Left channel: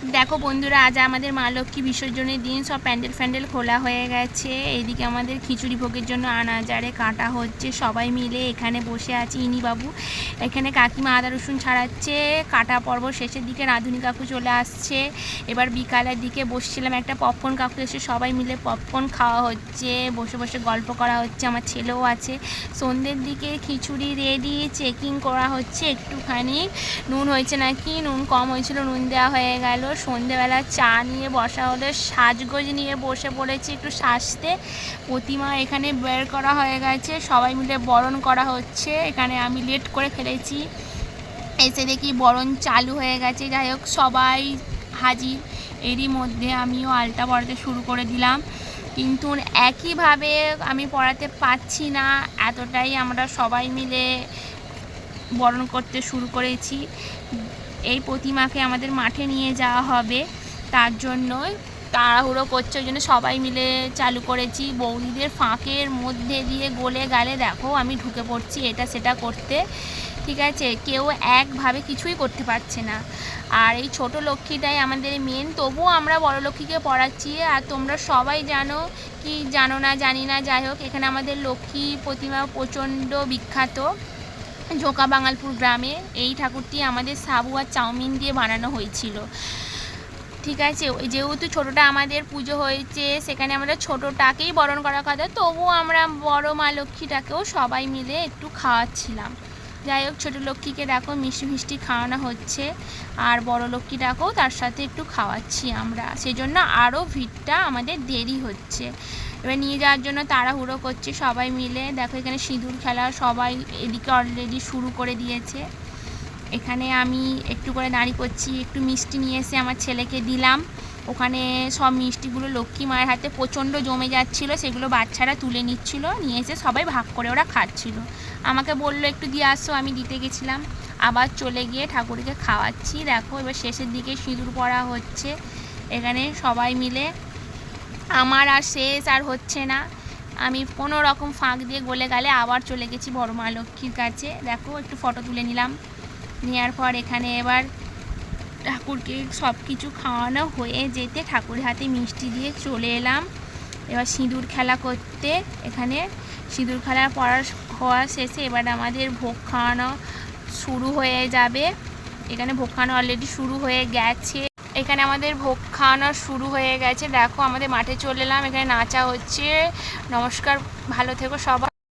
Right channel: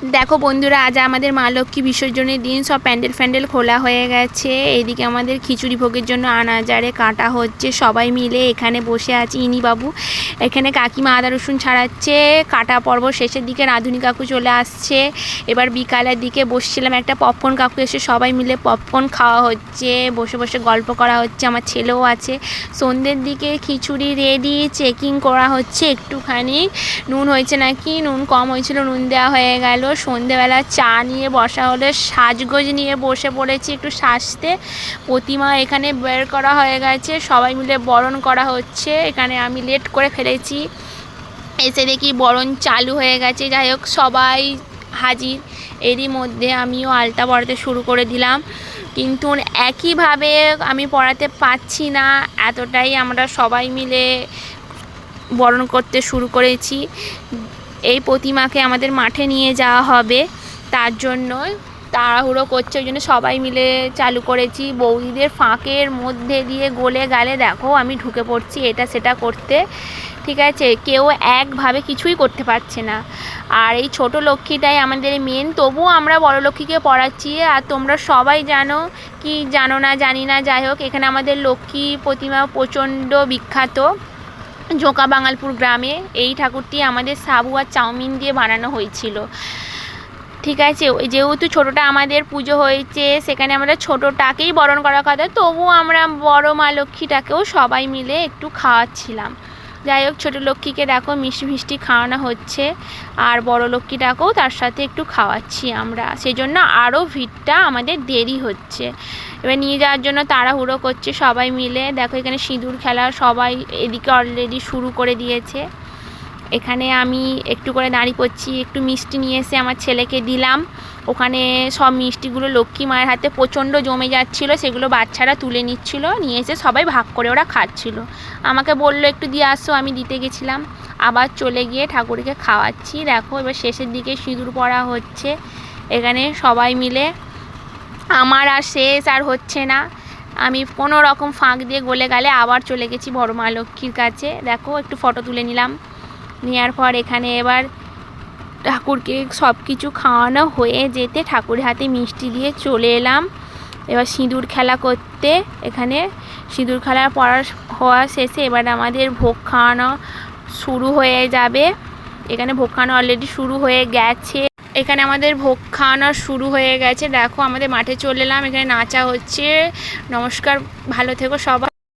দেখো বন্ধুরা, আজ আমাদের মা লক্ষ্মী বিসর্জনের দিন সব প্যান্ডেল খোলা হয়ে গেছে। এদিকে আমাদের খিচুড়ি ভোগের জন্য আনাজারে কাটা হচ্ছে, সবাই মিলে এখানে বসে আছি। ইনি বাবু এখানে কাকিমা আদা রসুন ছাড়াচ্ছে। কাটা পর্ব শেষের দিকে রাঁধুনি কাকু চলে আসছে। এবার বিকালের দিকে বসছিলাম, একটা পপকর্ন কাকু এসে সবাই মিলে পপকর্ন খাওয়া হচ্ছে, বসে বসে গল্প করা হচ্ছে। আমার ছেলেও আছে। সন্ধ্যের দিকে খিচুড়ি রেডি, চেকিং করা হচ্ছে একটুখানি নুন হয়েছে নাকি, নুন কম হয়েছিল, নুন দেওয়া হয়ে গেল। সন্ধেবেলা চা নিয়ে বসা হলে সাজগোজ নিয়ে বসে পড়েছি একটু সাজতে। প্রতিমা এখানে বের করা হয়ে গেছে, সবাই মিলে বরণ করা হচ্ছে। এখানে আমি লেট করে ফেলেছি, এসে দেখি বরণ চালু হয়ে গেছে। যাই হোক, সবাই হাজির। এরই মধ্যে আমিও আলতা পরাতে শুরু করে দিলাম, কিন্তু একইভাবে আমি পড়াতে পারছি না, এতটাই আমরা সবাই মিলে বরণ করতে শুরু করেছি। এই প্রতিমাকে আমাদের মাঠে নিয়ে যাওয়া হবে, তার জন্য তাড়াহুড়ো করছে, ওই জন্য সবাই মিলে চালু করেছি। বৌদিদের ফাঁকের মধ্যে দিয়ে গলে গেলে দেখো আমি ঢুকে পড়ছি এটা সেটা করতে, ঠিক আছে? কেউ একভাবে কিছুই করতে পারছে না। আর এই ছোট লক্ষ্মীটাই আমাদের মেন, তবুও আমরা বড় লক্ষ্মীকে পড়াচ্ছি। আর তোমরা সবাই জানো কি জানো না জানি না, যাই হোক এখানে আমাদের লক্ষ্মী প্রতিমা প্রচণ্ড বিখ্যাত জোকা বাঙালপুর গ্রামে। এই ঠাকুরটি আমাদের সাবু আর চাউমিন দিয়ে বানানো হয়েছিল, ঠিক আছে? ওই যেহেতু ছোটোটা আমাদের পুজো হয়েছে, সেখানে আমরা ছোটোটাকেই বরণ করার কথা, তবুও আমরা বড় মা লক্ষ্মীটাকেও সবাই মিলে একটু খাওয়াচ্ছিলাম। যাই হোক, ছোটো লক্ষ্মীকে দেখো মিষ্টি খাওয়ানো হচ্ছে, আর বড় লক্ষ্মীটাকেও তার সাথে একটু খাওয়াচ্ছি আমরা, সেই জন্য আরও ভিড়টা আমাদের দেরি হচ্ছে। এবার নিয়ে যাওয়ার জন্য তাড়াহুড়ো করছে সবাই মিলে। দেখো এখানে সিঁদুর খেলা সবাই এদিকে অলরেডি শুরু করে দিয়েছে। এখানে আমি একটু করে দাঁড়িয়ে পড়ছি, একটু মিষ্টি নিয়ে এসে আমার ছেলেকে দিলাম। ওখানে সব মিষ্টিগুলো লক্ষ্মী মায়ের হাতে প্রচণ্ড জমে যাচ্ছিলো, সেগুলো বাচ্চারা তুলে নিচ্ছিল, নিয়ে এসে সবাই ভাগ করে ওরা খাচ্ছিল। আমাকে বললো একটু দিয়ে আসো, আমি দিতে গেছিলাম। আবার চলে গিয়ে ঠাকুরকে খাওয়াচ্ছি। দেখো এবার শেষের দিকে সিঁদুর পরা হচ্ছে এখানে সবাই মিলে। আমার আর শেষ আর হচ্ছে না, আমি কোনো রকম ফাঁক দিয়ে গলে গেলে আবার চলে গেছি বড় মা লক্ষ্মীর কাছে। দেখো একটু ফটো তুলে নিলাম, নেওয়ার পর এখানে এবার ঠাকুরকে সব কিছু খাওয়ানো হয়ে যেতে ঠাকুরের হাতে মিষ্টি দিয়ে চলে এলাম এবার সিঁদুর খেলা করতে। এখানে সিঁদুর খেলা হওয়া শেষে এবার আমাদের ভোগ খাওয়ানো শুরু হয়ে যাবে। এখানে ভোগ খাওয়ানো অলরেডি শুরু হয়ে গেছে। এখানে আমাদের ভোগ খাওয়ানো শুরু হয়ে গেছে। দেখো আমাদের মাঠে চলে এলাম, এখানে নাচা হচ্ছে। নমস্কার, ভালো থেকো সবাই।